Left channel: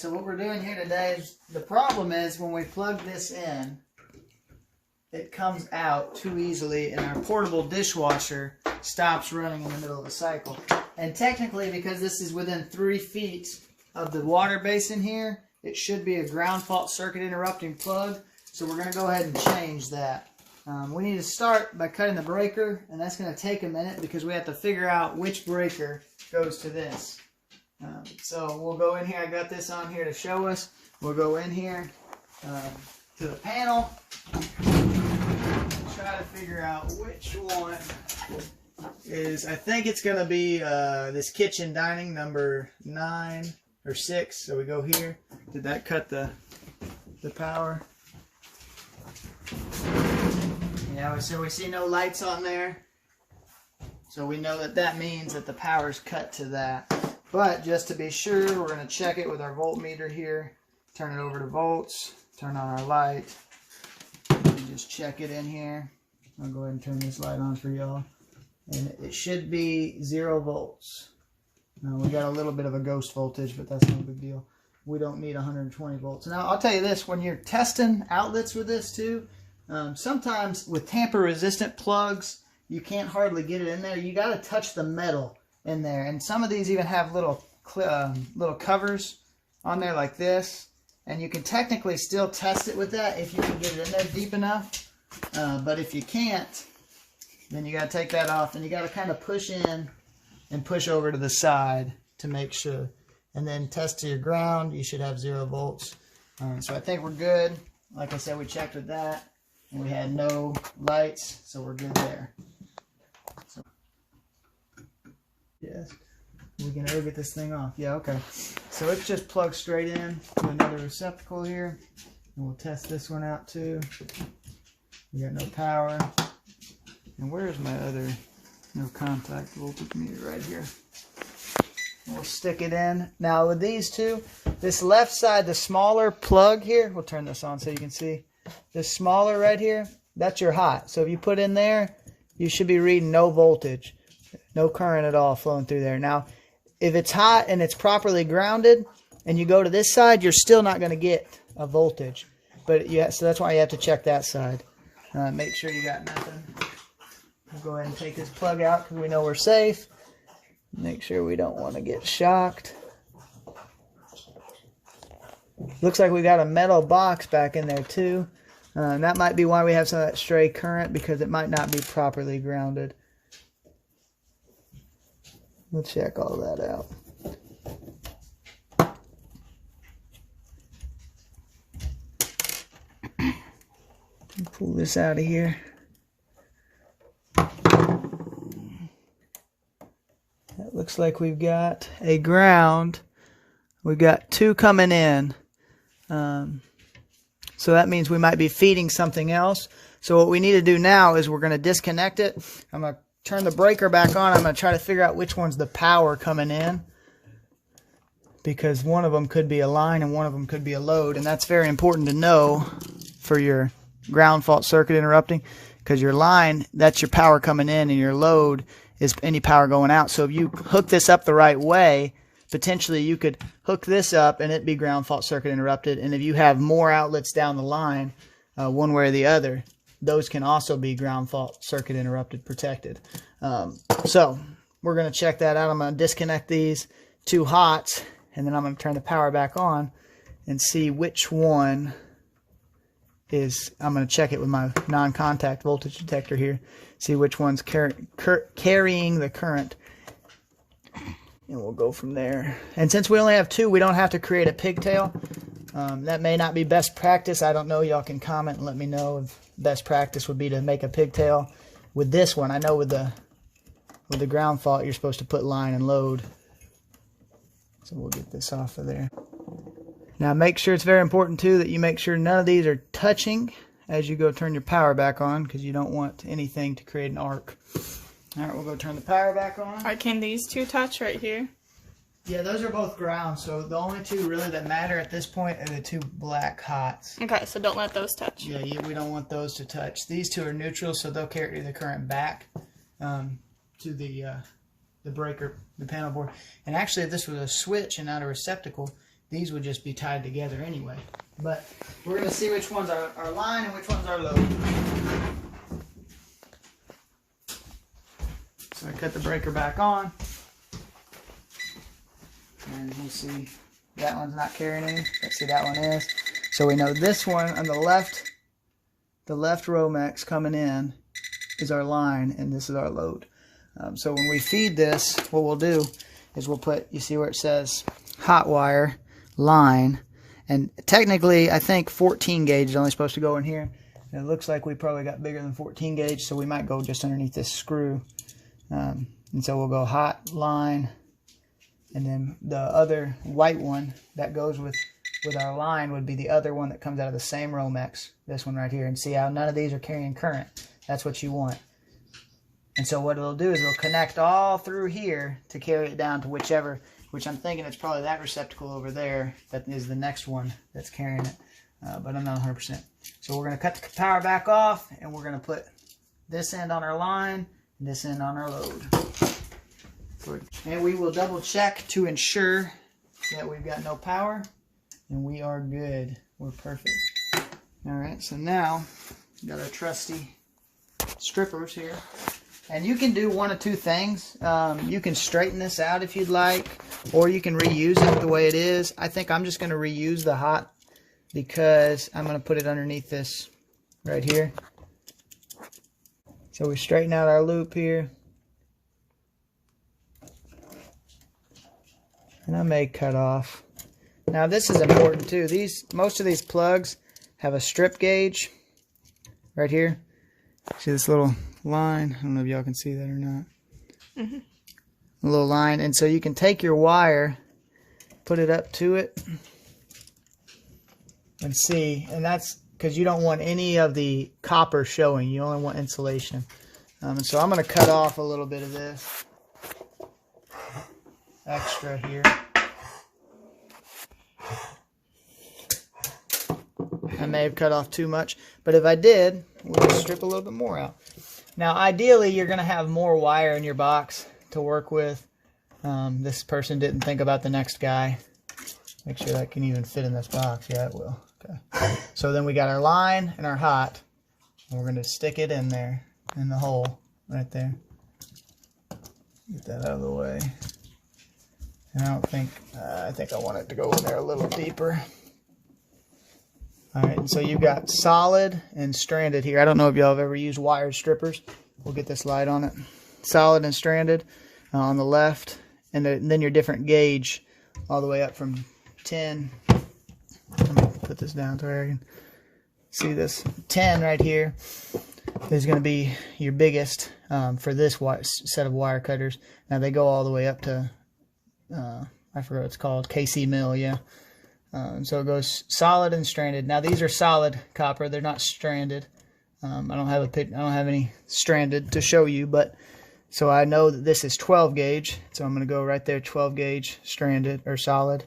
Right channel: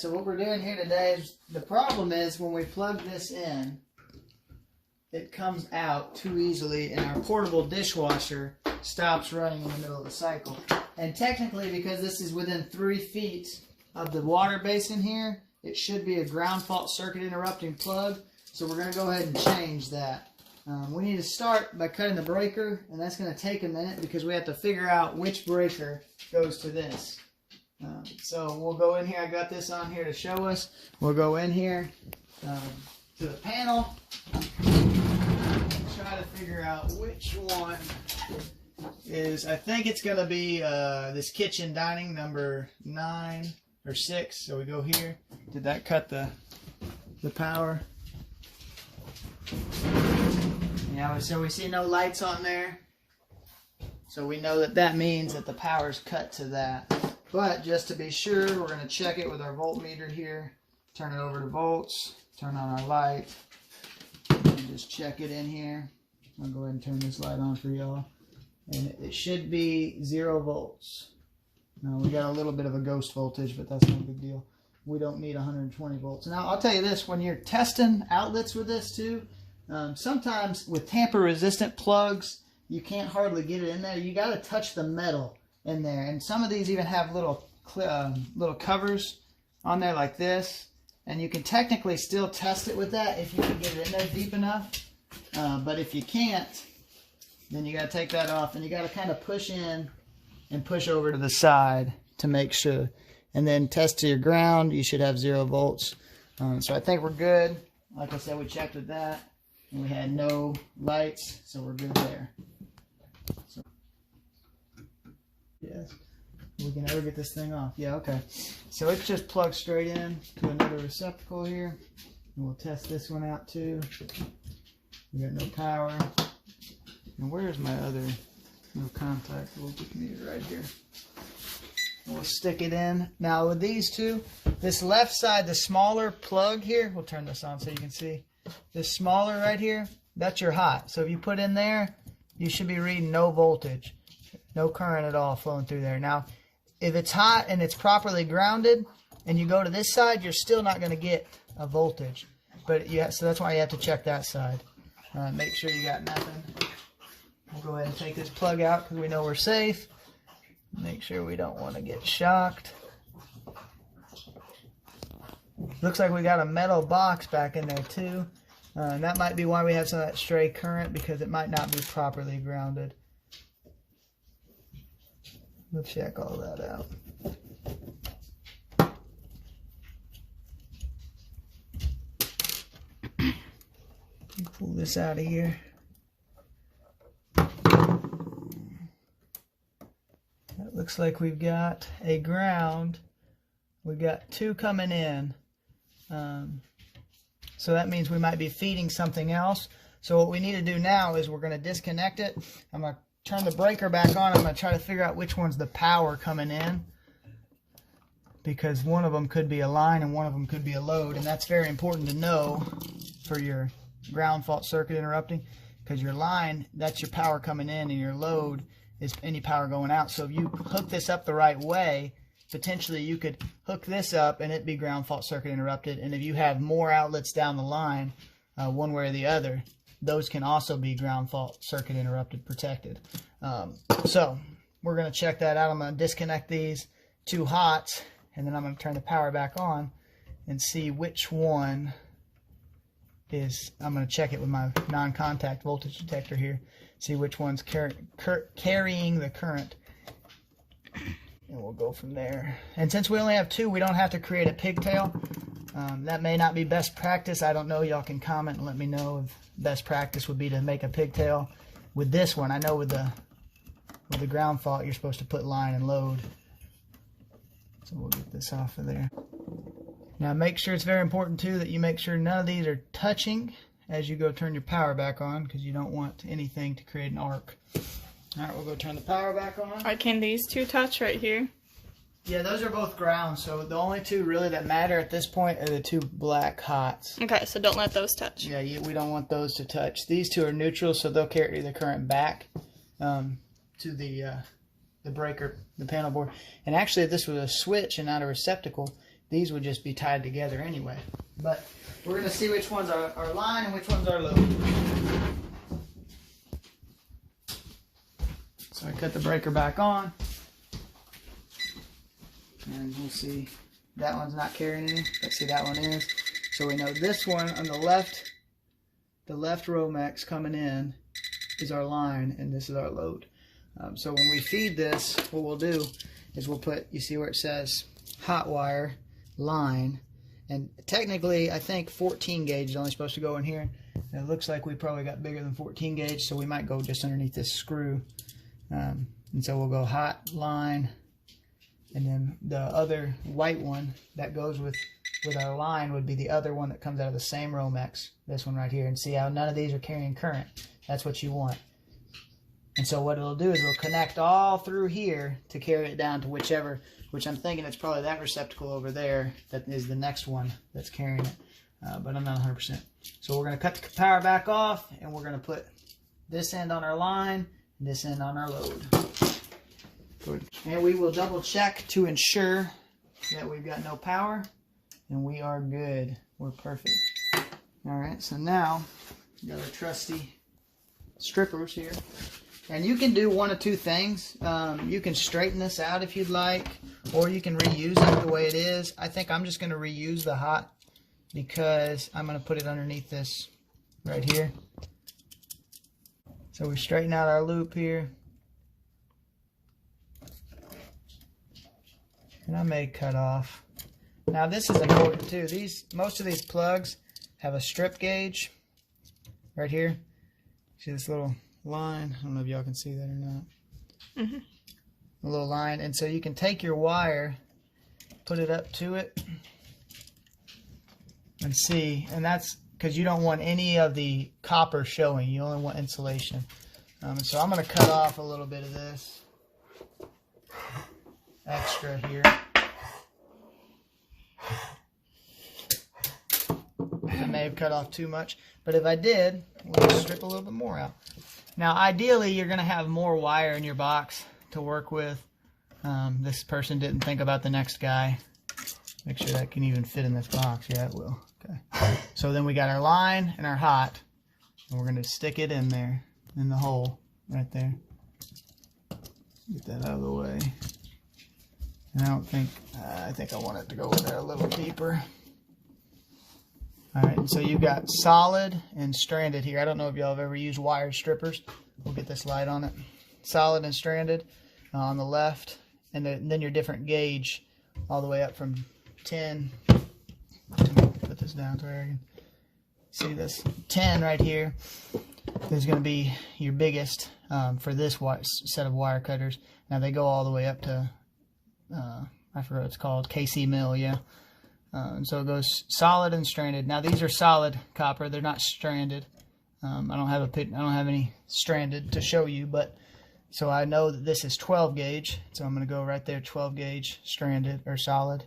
So what we're doing here today is, the problem is when we plug this in, it comes out too easily and our portable dishwasher stops running in the middle of the cycle. And technically, because this is within 3 feet of the water basin here, it should be a ground fault circuit interrupting plug. So we're going to go ahead and change that. We need to start by cutting the breaker, and that's going to take a minute because we have to figure out which breaker goes to this. So we'll go in here. I got this on here to show us. We'll go in here to the panel, try to figure out which one is, I think it's going to be this kitchen dining number 9 or 6. So we go here. Did that cut the power? Yeah, so we see no lights on there. So we know that that means that the power's cut to that. But just to be sure, we're going to check it with our voltmeter here. Turn it over to volts. Turn on our light. And just check it in here. I'll go ahead and turn this light on for y'all. And it should be 0 volts. Now we got a little bit of a ghost voltage, but that's no big deal. We don't need 120 volts. Now I'll tell you this, when you're testing outlets with this too, sometimes with tamper resistant plugs, you can't hardly get it in there. You got to touch the metal in there, and some of these even have little covers on there like this, and you can technically still test it with that if you can get it in there deep enough. But if you can't, then you got to take that off, and you got to kind of push in and push over to the side to make sure, and then test to your ground. You should have 0 volts. So I think we're good. Like I said, we checked with that, and we had no lights, so we're good there. So, yes, we can ever get this thing off. Yeah, okay. So it's just plugged straight in to another receptacle here, and we'll test this one out too. We got no power. And where's my other no contact voltage meter? Right here. And we'll stick it in. Now with these two, this left side, the smaller plug here, we'll turn this on so you can see. This smaller right here, that's your hot. So if you put in there, you should be reading no voltage. No current at all flowing through there. Now, if it's hot and it's properly grounded and you go to this side, you're still not going to get a voltage. But yeah, so that's why you have to check that side. Make sure you got nothing. We'll go ahead and take this plug out because we know we're safe. Make sure we don't want to get shocked. Looks like we got a metal box back in there too. And that might be why we have some of that stray current, because it might not be properly grounded. We'll check all that out. Pull this out of here. That looks like we've got a ground. We've got 2 coming in. So that means we might be feeding something else. So what we need to do now is we're going to disconnect it. I'm going to turn the breaker back on. I'm going to try to figure out which one's the power coming in, because one of them could be a line and one of them could be a load, and that's very important to know for your ground fault circuit interrupting, because your line, that's your power coming in, and your load is any power going out. So if you hook this up the right way, potentially you could hook this up and it be ground fault circuit interrupted, and if you have more outlets down the line, one way or the other, those can also be ground fault circuit interrupted protected. So we're going to check that out. I'm going to disconnect these 2 hots, and then I'm going to turn the power back on and see which one is. I'm going to check it with my non-contact voltage detector here, see which one's carrying the current, and we'll go from there. And since we only have 2, we don't have to create a pigtail. That may not be best practice. I don't know. Y'all can comment and let me know if best practice would be to make a pigtail with this one. I know with the ground fault, you're supposed to put line and load. So we'll get this off of there. Now make sure, it's very important too that you make sure none of these are touching as you go turn your power back on, because you don't want anything to create an arc. All right, we'll go turn the power back on. Can these 2 touch right here? Yeah, those are both ground, so the only 2 really that matter at this point are the 2 black hots. Okay, so don't let those touch. Yeah, we don't want those to touch. These 2 are neutral, so they'll carry the current back to the breaker, the panel board. And actually, if this was a switch and not a receptacle, these would just be tied together anyway. But we're going to see which ones are our line and which ones are low. So I cut the breaker back on. And we'll see, that one's not carrying any. Let's see, that one is. So we know this one on the left Romex coming in is our line, and this is our load. So when we feed this, what we'll do is we'll put, you see where it says hot wire line, and technically I think 14 gauge is only supposed to go in here. And it looks like we probably got bigger than 14 gauge, so we might go just underneath this screw. And so we'll go hot line, and then the other white one that goes with our line would be the other one that comes out of the same Romex, this one right here. And see how none of these are carrying current. That's what you want. And so what it'll do is it'll connect all through here to carry it down to whichever, which I'm thinking it's probably that receptacle over there that is the next one that's carrying it. But I'm not 100%. So we're going to cut the power back off, and we're going to put this end on our line and this end on our load. And we will double check to ensure that we've got no power, and we are good. We're perfect. All right, so now we've got our trusty strippers here. And you can do one of two things. You can straighten this out if you'd like, or you can reuse it the way it is. I think I'm just going to reuse the hot because I'm going to put it underneath this right here. So we straighten out our loop here. And I may cut off. Now this is important too. Most of these plugs have a strip gauge right here. See this little line? I don't know if y'all can see that or not. Mm-hmm. A little line. And so you can take your wire, put it up to it, and see. And that's because you don't want any of the copper showing. You only want insulation. And so I'm going to cut off a little bit of this extra here. I may have cut off too much, but if I did, we'll just strip a little bit more out. Now, ideally, you're going to have more wire in your box to work with. This person didn't think about the next guy. Make sure that can even fit in this box. Yeah, it will. Okay. So then we got our line and our hot, and we're going to stick it in there, in the hole right there. Get that out of the way. And I think I want it to go in there a little deeper. All right, so you've got solid and stranded here. I don't know if y'all have ever used wired strippers. We'll get this light on it. Solid and stranded on the left, and then your different gauge all the way up from 10. Let me put this down to where I can see this. 10 right here is going to be your biggest for this set of wire cutters. Now they go all the way up to, I forgot what it's called, KC mill, yeah. So it goes solid and stranded. Now these are solid copper; they're not stranded. I don't have any stranded to show you, but so I know that this is 12 gauge. So I'm going to go right there, 12 gauge stranded or solid.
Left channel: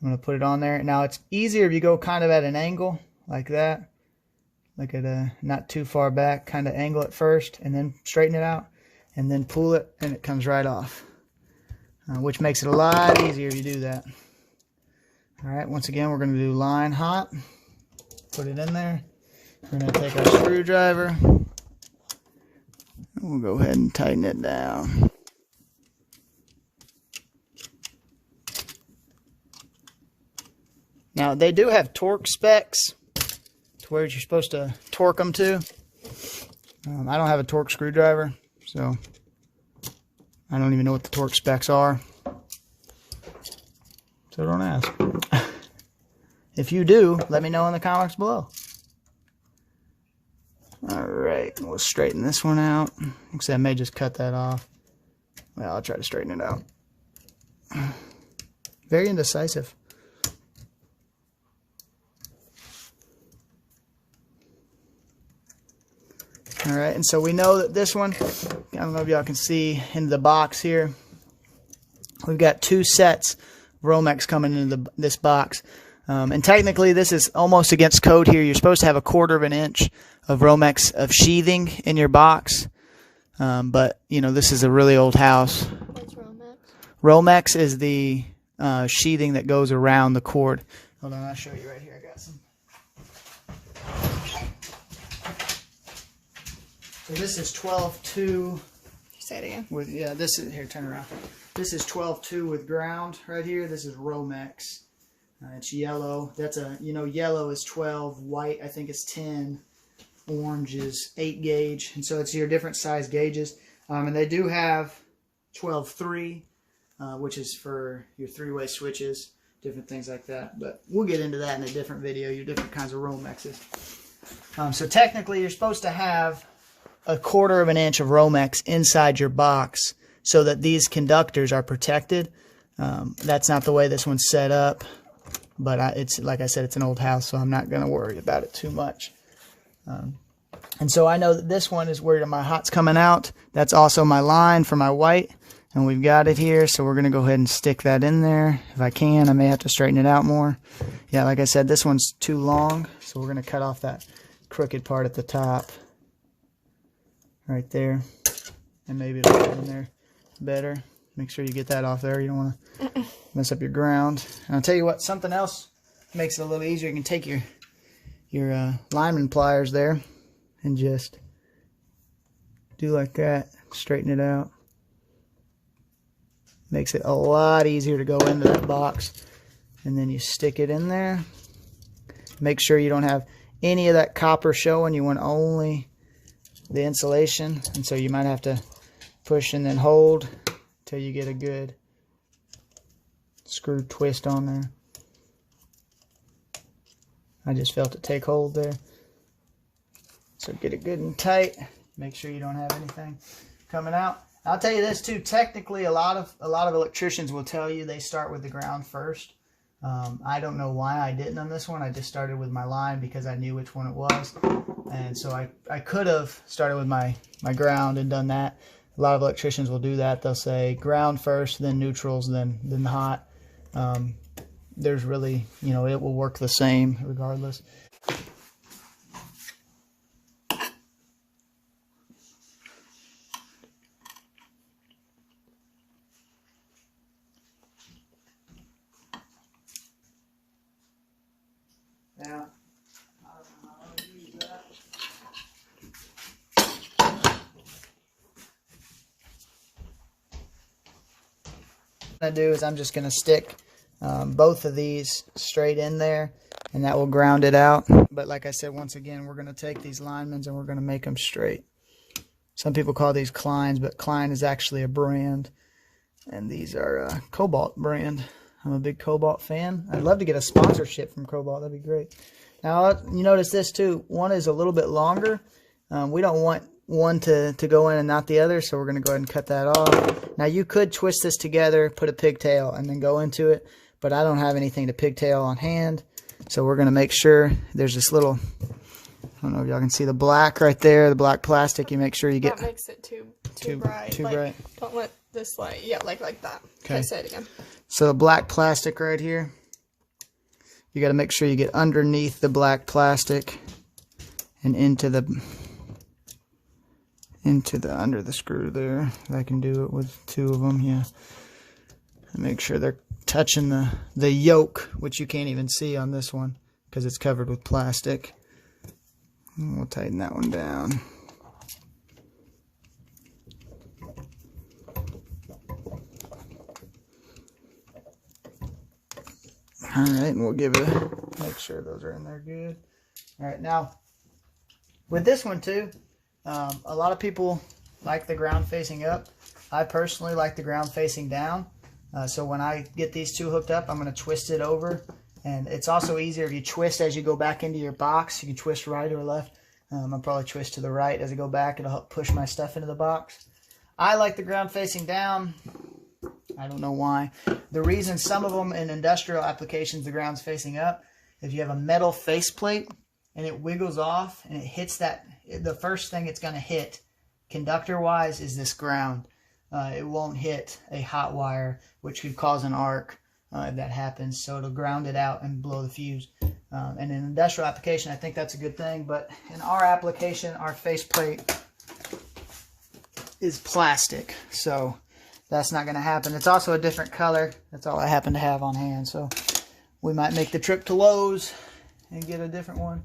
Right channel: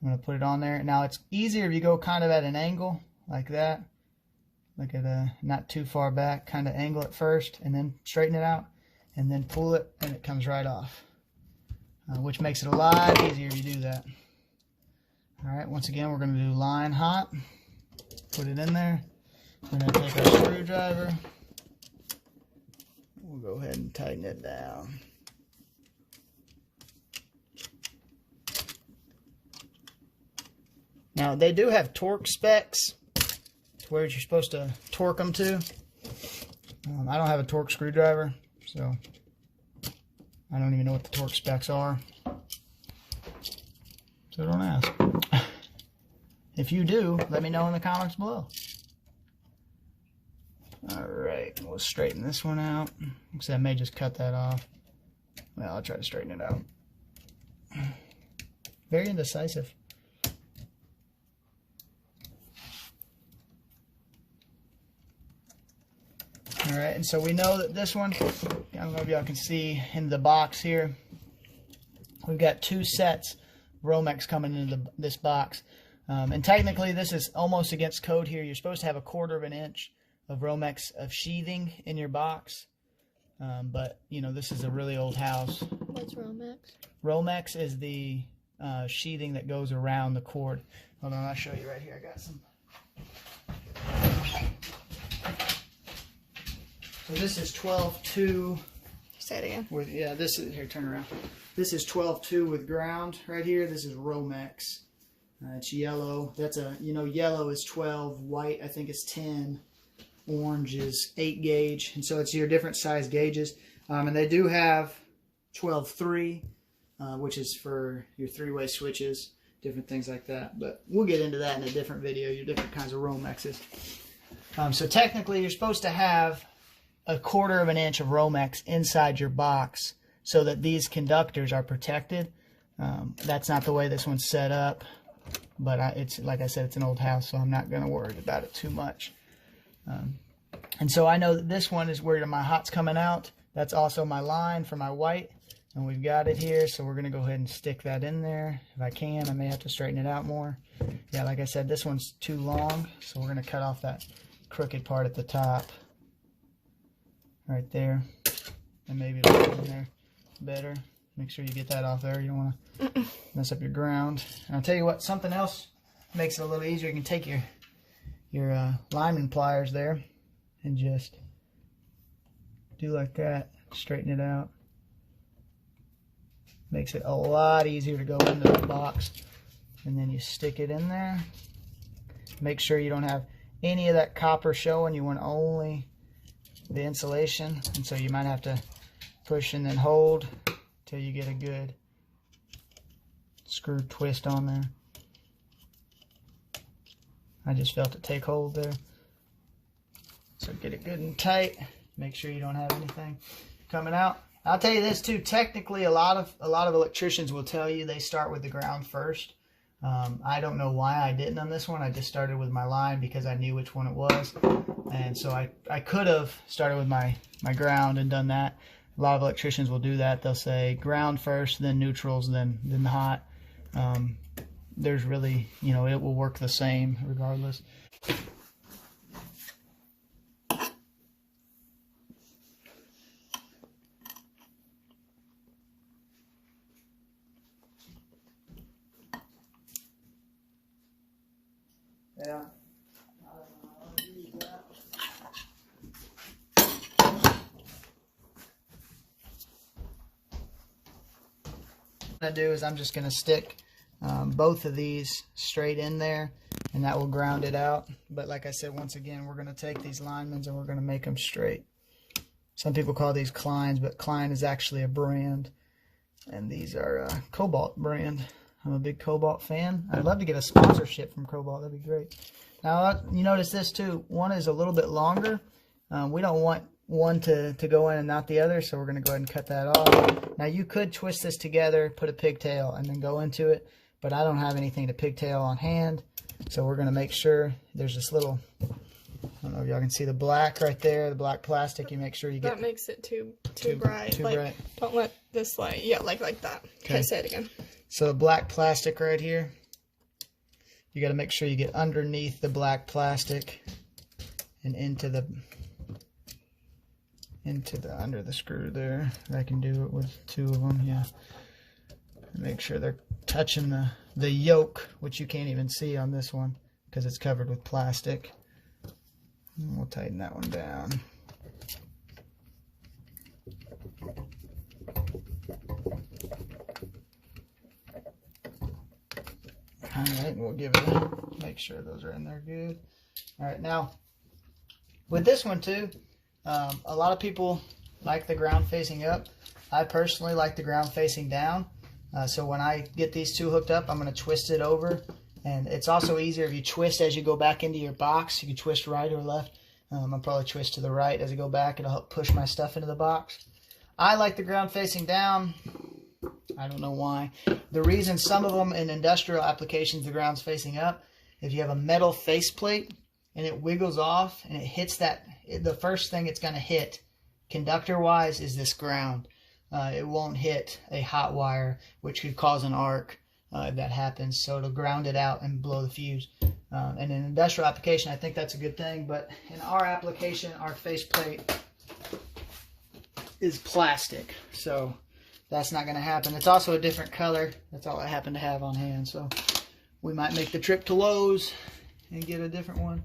I'm going to put it on there. Now it's easier if you go kind of at an angle like that, like at a not too far back, kind of angle it first, and then straighten it out, and then pull it, and it comes right off, which makes it a lot easier if you do that. All right, once again, we're going to do line hot. Put it in there. We're going to take our screwdriver. We'll go ahead and tighten it down. Now, they do have torque specs to where you're supposed to torque them to. I don't have a torque screwdriver, so I don't even know what the torque specs are. So don't ask. If you do, let me know in the comments below. Alright, we'll straighten this one out. Actually, I may just cut that off. Well, I'll try to straighten it out. Very indecisive. Alright, and so we know that this one, I don't know if y'all can see in the box here, we've got two sets of Romex coming into this box. And technically this is almost against code here. You're supposed to have 1/4 of an inch of Romex of sheathing in your box. But, you know, this is a really old house. What's Romex? Romex is the sheathing that goes around the cord. Hold on, I'll show you right here. I got some. So this is 12-2. Say it again. With, yeah, this is, here, turn around. This is 12-2 with ground right here. This is Romex. It's yellow. That's a, you know, yellow is 12, white I think is 10, orange is 8 gauge. And so it's your different size gauges. And they do have 12-3, which is for your 3-way switches, different things like that. But we'll get into that in a different video, your different kinds of Romexes. So technically you're supposed to have 1/4 of an inch of Romex inside your box so that these conductors are protected. That's not the way this one's set up, but it's like I said, it's an old house, so I'm not going to worry about it too much. And so I know that this one is where my hot's coming out. That's also my line for my white, and we've got it here, so we're going to go ahead and stick that in there. If I can, I may have to straighten it out more. Yeah, like I said, this one's too long, so we're going to cut off that crooked part at the top. Right there, and maybe it'll go in there better. Make sure you get that off there. You don't want to mess up your ground. And I'll tell you what, something else makes it a little easier. You can take your lineman pliers there and just do like that, straighten it out. Makes it a lot easier to go into that box. And then you stick it in there. Make sure you don't have any of that copper showing. You want only the insulation, and so you might have to push and then hold till you get a good screw twist on there. I just felt it take hold there. So get it good and tight. Make sure you don't have anything coming out. I'll tell you this too, technically a lot of electricians will tell you they start with the ground first. I don't know why I didn't on this one. I just started with my line because I knew which one it was. And so I could have started with my ground and done that. A lot of electricians will do that. They'll say ground first, then neutrals, then the hot. There's really, you know, it will work the same regardless. Yeah. What I'm going to do is I'm just going to stick both of these straight in there, and that will ground it out. But like I said, once again, we're going to take these linemans and we're going to make them straight. Some people call these Kleins, but Klein is actually a brand, and these are a Cobalt brand. I'm a big Cobalt fan. I'd love to get a sponsorship from Cobalt. That'd be great. Now, you notice this too. One is a little bit longer. We don't want one to go in and not the other, so we're going to go ahead and cut that off. Now, you could twist this together, put a pigtail, and then go into it, but I don't have anything to pigtail on hand, so we're going to make sure there's this little, I don't know if y'all can see the black right there, the black plastic. You make sure you get... That makes it too bright. Too like, bright. Don't let this light... Yeah, like that. Okay, say it again. So the black plastic right here, you got to make sure you get underneath the black plastic and into the under the screw there. I can do it with 2 of them, yeah. And make sure they're touching the yoke, which you can't even see on this one because it's covered with plastic. And we'll tighten that one down. All right, and we'll give it make sure those are in there good. All right, now with this one too, a lot of people like the ground facing up. I personally like the ground facing down. So when I get these 2 hooked up, I'm going to twist it over. And it's also easier if you twist as you go back into your box. You can twist right or left. I'll probably twist to the right as I go back. It'll help push my stuff into the box. I like the ground facing down. I don't know why. The reason some of them in industrial applications, the ground's facing up, if you have a metal faceplate and it wiggles off and it hits that, the first thing it's going to hit, conductor-wise, is this ground. It won't hit a hot wire, which could cause an arc if that happens. So it'll ground it out and blow the fuse. And in industrial application, I think that's a good thing. But in our application, our faceplate is plastic. So that's not going to happen. It's also a different color. That's all I happen to have on hand. So we might make the trip to Lowe's and get a different one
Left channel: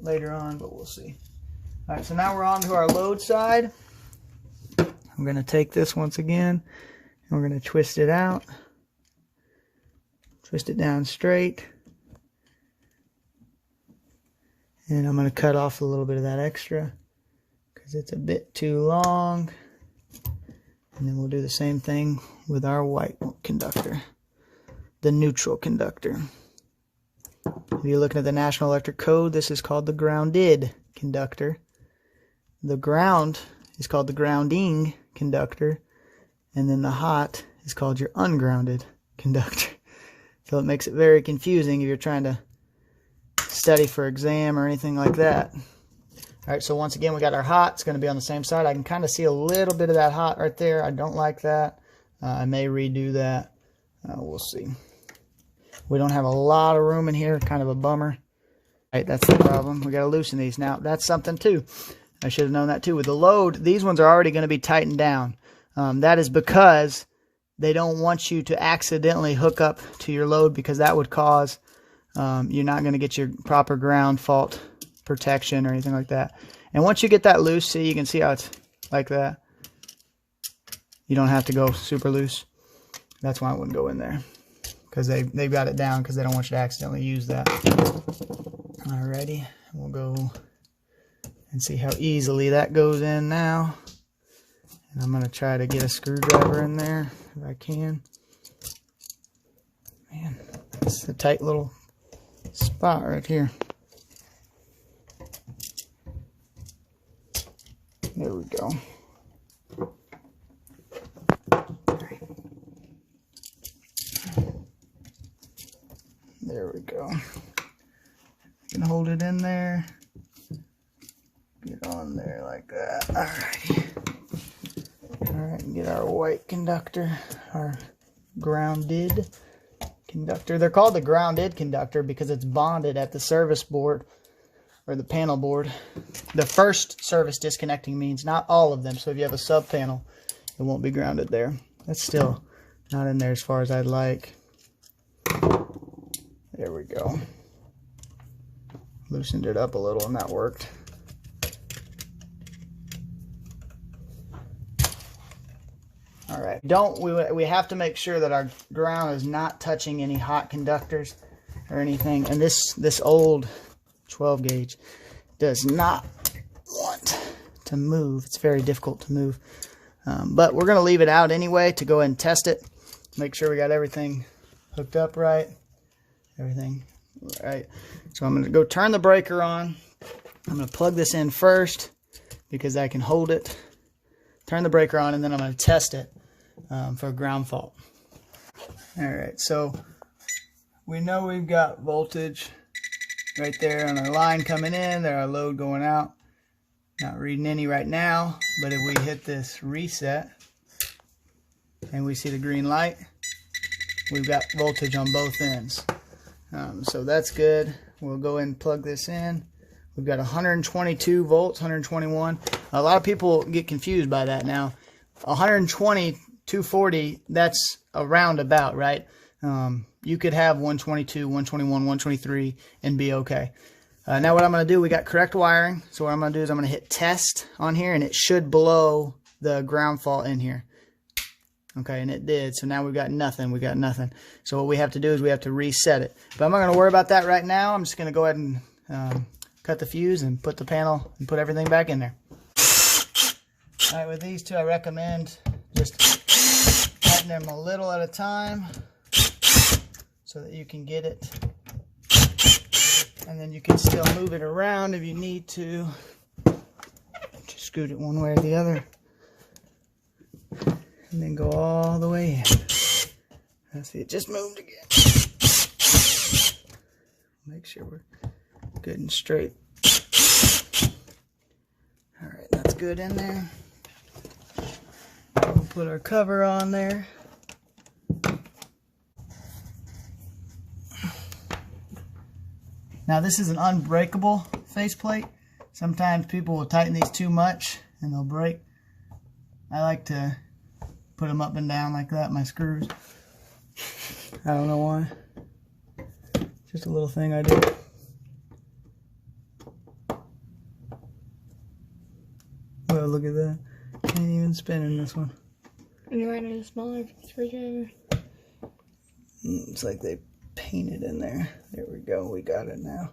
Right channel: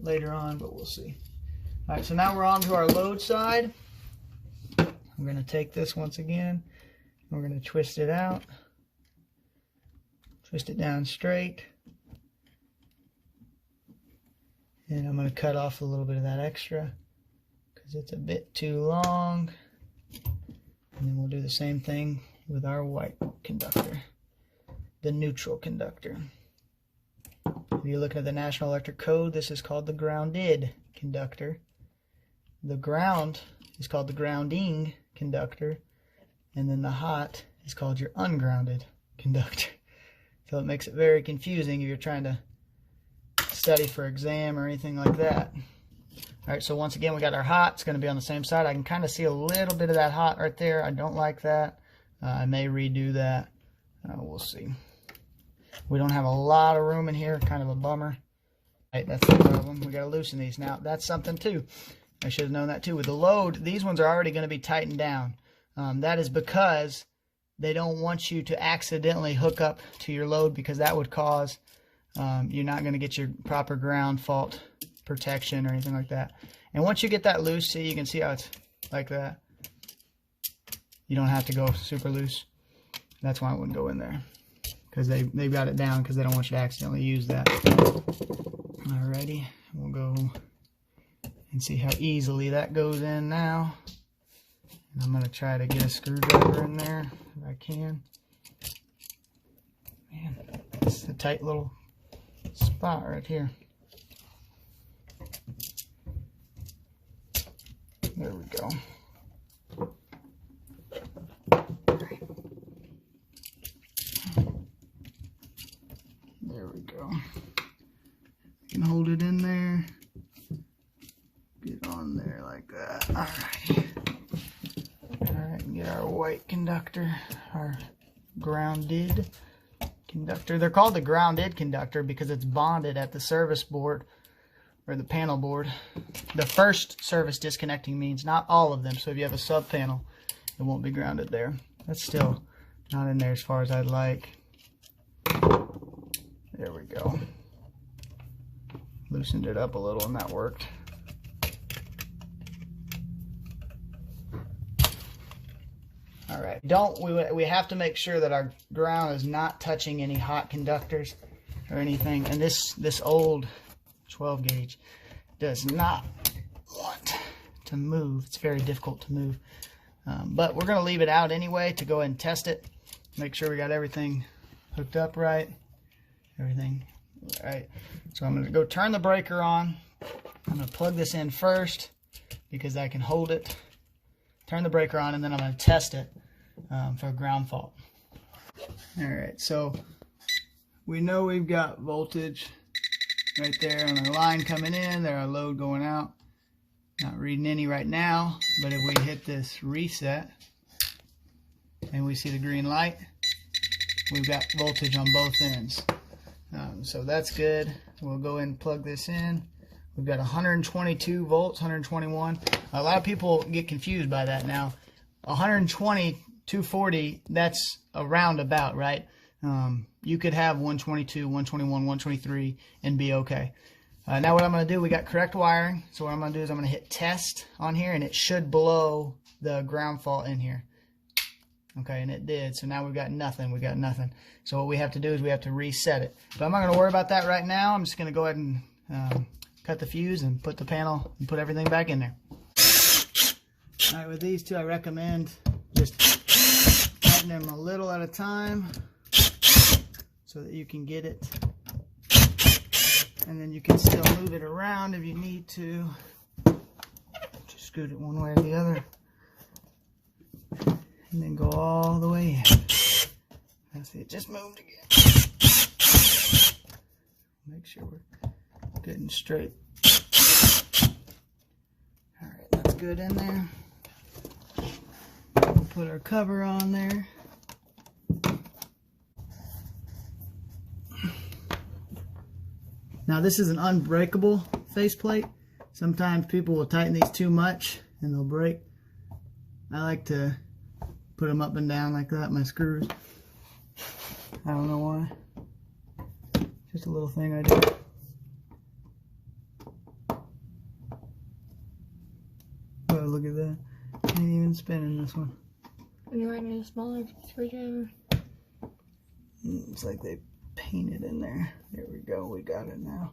later on, but we'll see. All right, so now we're on to our load side. I'm going to take this once again, and we're going to twist it out. Twist it down straight. And I'm going to cut off a little bit of that extra because it's a bit too long. And then we'll do the same thing with our white conductor, the neutral conductor. If you're looking at the National Electric Code, this is called the grounded conductor. The ground is called the grounding conductor. And then the hot is called your ungrounded conductor. So it makes it very confusing if you're trying to study for exam or anything like that. All right, so once again, we got our hot. It's going to be on the same side. I can kind of see a little bit of that hot right there. I don't like that. I may redo that. We'll see. We don't have a lot of room in here. Kind of a bummer. Right, that's the problem. We got to loosen these. Now, that's something too. I should have known that too. With the load, these ones are already going to be tightened down. That is because they don't want you to accidentally hook up to your load, because that would cause you're not going to get your proper ground fault protection or anything like that. And once you get that loose, see, you can see how it's like that. You don't have to go super loose. That's why I wouldn't go in there, because they've got it down because they don't want you to accidentally use that. Alrighty, we'll go and see how easily that goes in now. And I'm going to try to get a screwdriver in there if I can. Man, that's a tight little spot right here. There we go. There we go. You can hold it in there. Get on there like that. Alrighty. Alright, and get our white conductor, our grounded conductor. They're called the grounded conductor because it's bonded at the service board or the panel board. The first service disconnecting means, not all of them. So if you have a sub panel, it won't be grounded there. That's still not in there as far as I'd like. There we go. Loosened it up a little and that worked. All right. We have to make sure that our ground is not touching any hot conductors or anything. And this old 12 gauge does not want to move. It's very difficult to move. But we're going to leave it out anyway to go ahead and test it. Make sure we got everything hooked up right. Everything right. So I'm going to go turn the breaker on. I'm going to plug this in first because I can hold it. Turn the breaker on, and then I'm going to test it for a ground fault. All right, so we know we've got voltage right there on our line coming in. There, our load going out. Not reading any right now, but if we hit this reset and we see the green light, we've got voltage on both ends. So that's good. We'll go ahead and plug this in. We've got 122 volts, 121. A lot of people get confused by that now. 120, 240, that's a roundabout, right? You could have 122, 121, 123 and be okay. Now what I'm going to do, we got correct wiring. So what I'm going to do is I'm going to hit test on here, and it should blow the ground fault in here. Okay, and it did. So now we've got nothing. We got nothing. So what we have to do is we have to reset it. But I'm not going to worry about that right now. I'm just going to go ahead and cut the fuse and put the panel and put everything back in there. All right, with these two, I recommend just tighten them a little at a time so that you can get it. And then you can still move it around if you need to. Just scoot it one way or the other. And then go all the way in. See, it just moved again. Make sure we're good and straight. All right, that's good in there. We'll put our cover on there. Now this is an unbreakable faceplate. Sometimes people will tighten these too much and they'll break. I like to put them up and down like that, my screws. I don't know why. Just a little thing I do. Oh, look at that. Can't even spin in this one. You might need a smaller screwdriver. It's like they painted in there. There we go. We got it now.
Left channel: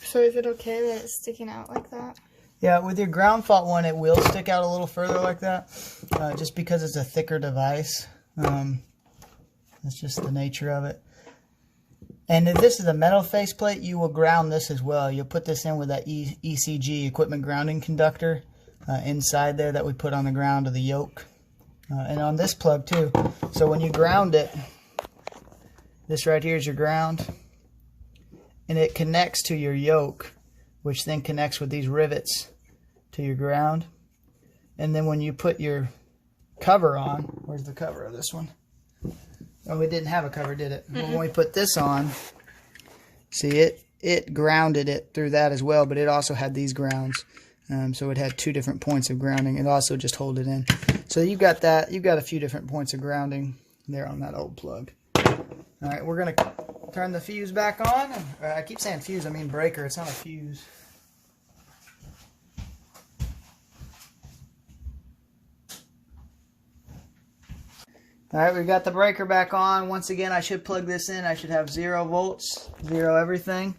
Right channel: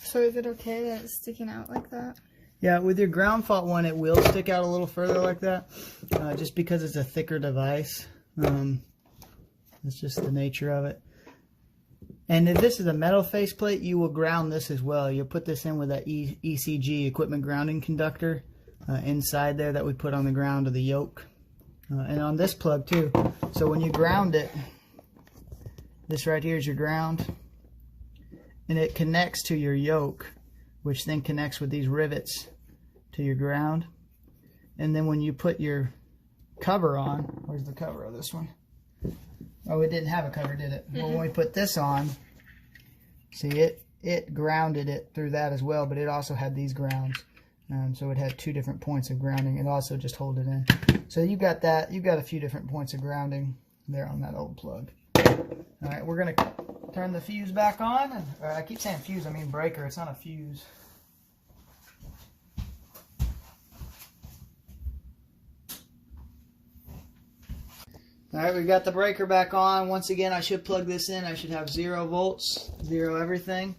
So is it okay that it's sticking out like that? Yeah, with your ground fault one, it will stick out a little further like that, just because it's a thicker device. That's just the nature of it. And if this is a metal faceplate, you will ground this as well. You'll put this in with that ECG, equipment grounding conductor, inside there that we put on the ground of the yoke. And on this plug too. So when you ground it, this right here is your ground. And it connects to your yoke, which then connects with these rivets to your ground. And then when you put your cover on, where's the cover of this one? Oh, it didn't have a cover, did it? Well, when we put this on, see, it grounded it through that as well, but it also had these grounds. So it had 2 different points of grounding. It also just hold it in. So you got that. You've got a few different points of grounding there on that old plug. All right, we're going to turn the fuse back on. I keep saying fuse, I mean breaker. It's not a fuse. All right, we've got the breaker back on. Once again, I should plug this in. I should have 0 volts, 0 everything.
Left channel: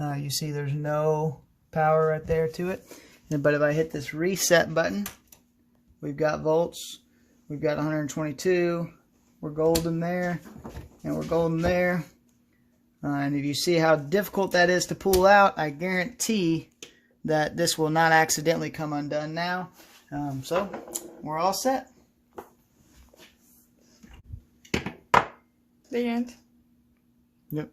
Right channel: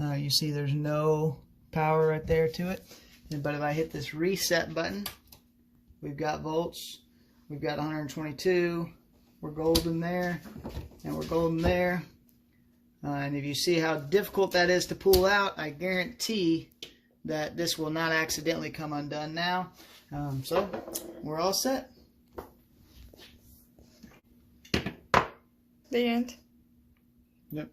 You see there's no power right there to it. But if I hit this reset button, we've got volts. We've got 122. We're golden there, and we're golden there. And if you see how difficult that is to pull out, I guarantee that this will not accidentally come undone now. So we're all set. The end. Yep.